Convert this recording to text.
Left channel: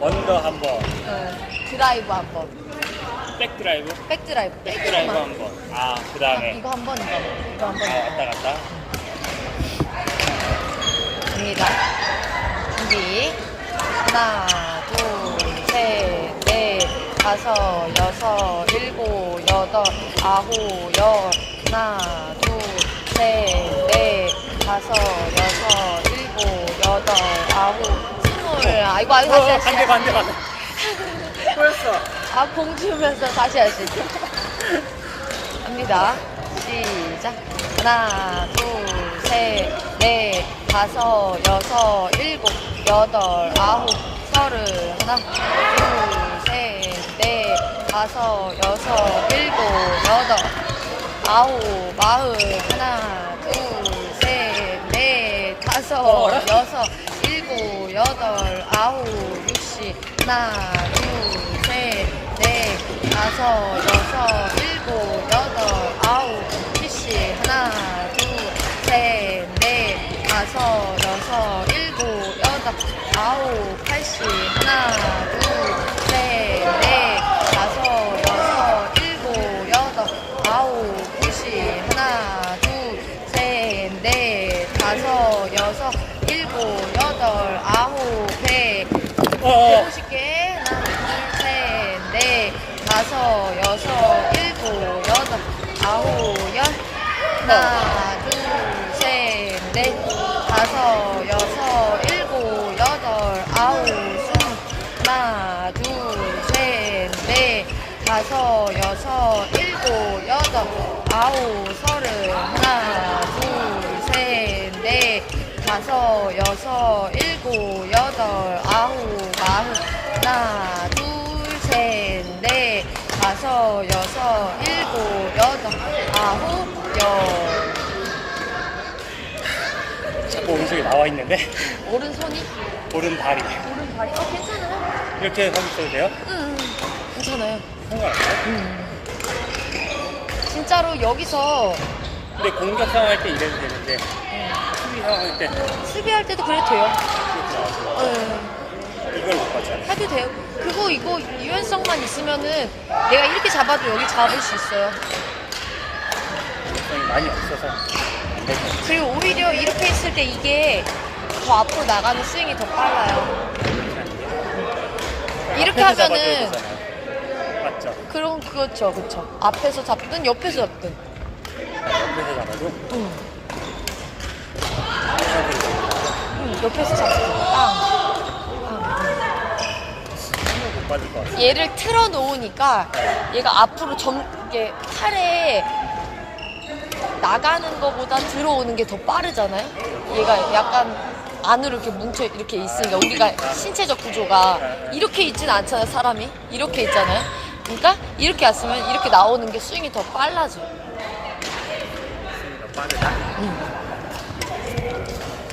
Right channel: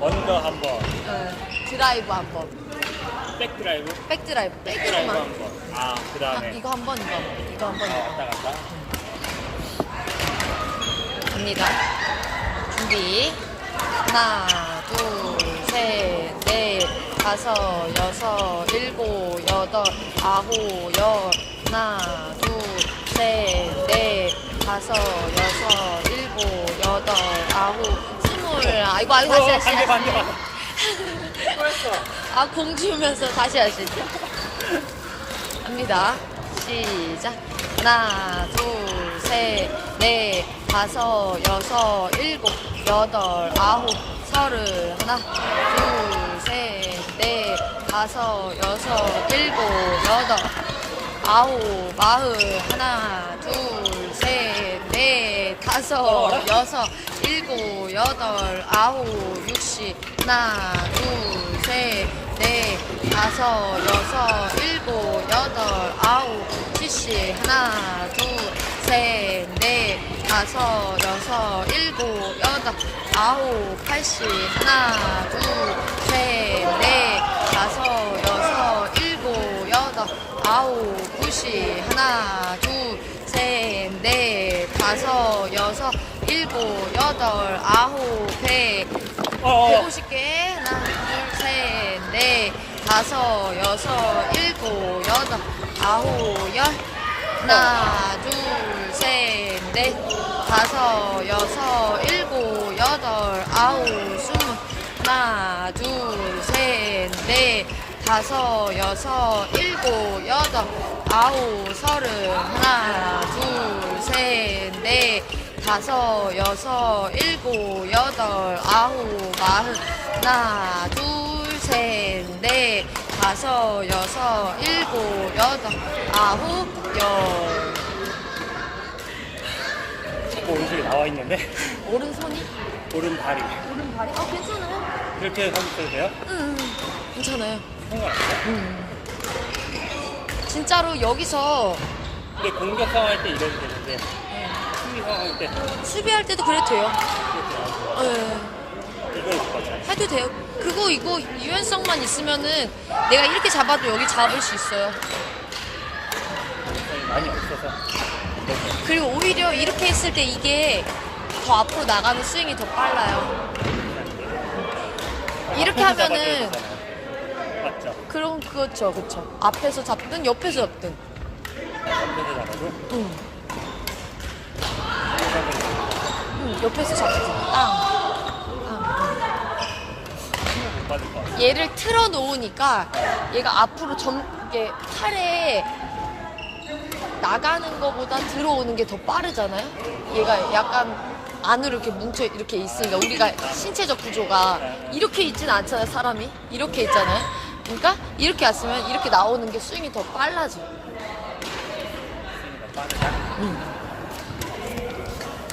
언더 한 번, 네. 드라이브 한 번. 백드라이브, 백드라이브. 백드라이브 한 번. 아, 그 다음에 이거 한 번, 이거 한 번. 이거 한 아, 번. 왔다 갔다. 갑니다. 준비. 하나, 둘, 셋, 넷, 다섯, 여섯, 일곱, 여덟, 아홉, 열. 하나, 둘, 아이고, 아이고, 어, 다시, 반대, 다시. 반대, 반대. 꼬였어. 아, 공 주면서 다시 할수 있어. 갑니다. 시작. 하나, 둘, 셋, 넷, 다섯, 여섯, 일곱, 여덟, 아홉, 서른. 하나, 둘, 셋, 넷, 다섯, 여섯, 일곱, 여덟, 아홉, 마흔. 하나, 둘, 셋, 넷, 다섯, 어라? 여섯, 일곱, 여덟, 아홉. 하나, 둘, 셋, 넷, 다섯, 여섯, 일곱, 여덟, 아홉, 칠십. 하나, 둘, 셋, 넷, 다섯, 여섯, 일곱, 여덟, 아홉, 팔십. 하나, 둘, 셋, 넷, 다섯, 여섯, 일곱, 여덟, 아홉, 스물. 하나, 둘, 셋, 넷, 다섯, 여섯, 일곱, 여덟, 아홉, 서른. 하나, 둘, 셋, 넷, 다섯, 여섯, 일곱, 여덟, 아홉, 마흔. 하나, 둘, 셋, 넷, 다섯, 여섯, 일곱, 여덟, 아홉, 열. 자꾸 오른쪽에 나와 있는데. 오른손이? 오른발이. 오른발이? 어, 괜찮아요. 이렇게 하고 있어도 돼요? 응, 괜찮아요. 상관없어요? 응. 진짜로 여기서 근데 공격 상황 때 이래도 되는데, 수비 상황 때 수비할 때도 그래도 돼요. 이렇게 나와서 네, 이걸 못 봤잖아. 해도 돼요. 그리고 이거 유연성만 있으면은 내가 이렇게 잡아도 여기 잡을 수 있어요. 많이 없어서. 그리고 오히려 이렇게 했을 때 이게 더 앞으로 나가는 스윙이 더 빨라요. 이렇게 앞에서 잡아줘야 하면은- 되잖아요. 맞죠? 그럼 그렇죠, 그렇죠. 앞에서 잡든 옆에서 잡든. 옆에서 잡아도 응. 응 옆에서 잡든. 땅. 못 받을 것 같아요. 얘를 틀어 놓으니까 얘가 앞으로 점 이게 팔에 나가는 것보다 들어오는 게 더 빠르잖아요. 얘가 약간 안으로 이렇게 뭉쳐 이렇게 있으니까 우리가 신체적 구조가 이렇게 있진 않잖아요. 사람이 이렇게 있잖아요. 그러니까 이렇게 왔으면 이렇게 나오는 게 스윙이 더 빨라져. 음.